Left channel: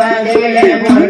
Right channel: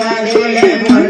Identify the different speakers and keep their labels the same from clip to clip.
Speaker 1: మగలే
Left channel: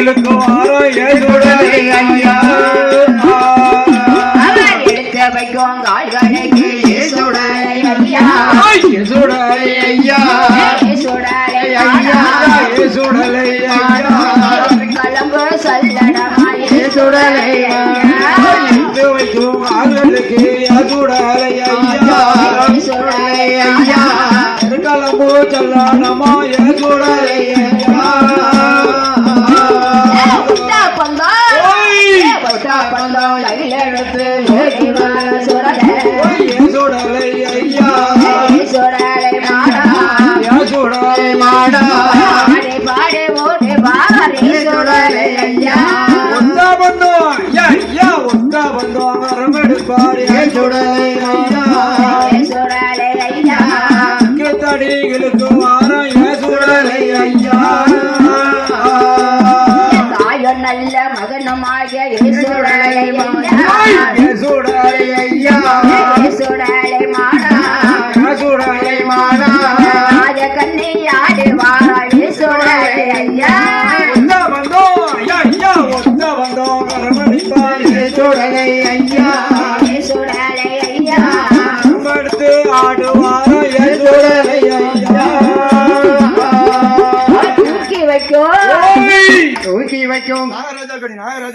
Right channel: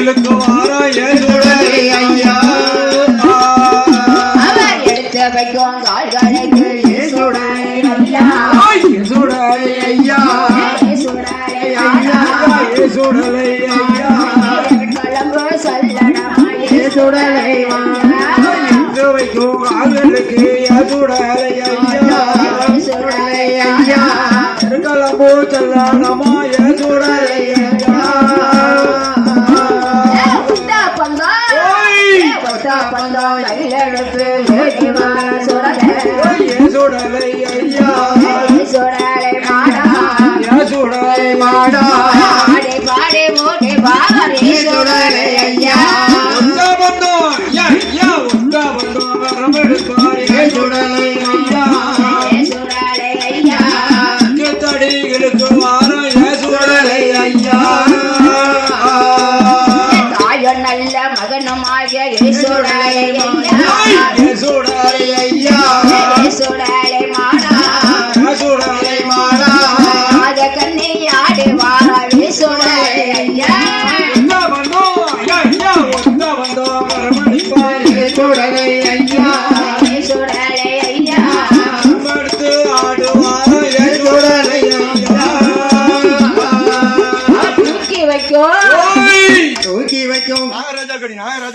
Speaker 2: இழுக்குவாரோ எதுடனே ஐயா அவர்
Speaker 1: எடுத்து வைக்கும் கால்களுக்கு எதுடனே ஐயா.
Speaker 2: எதுடனே ஐயா
Speaker 1: எசுடலை ஐயா
Speaker 2: చూడవలయ్య
Speaker 1: நல்ல மகனுமாய இயேசுடைய
Speaker 2: ஐயா.
Speaker 3: வைக்கும்.
Speaker 2: நாகராஜா கொடி நாகராஜா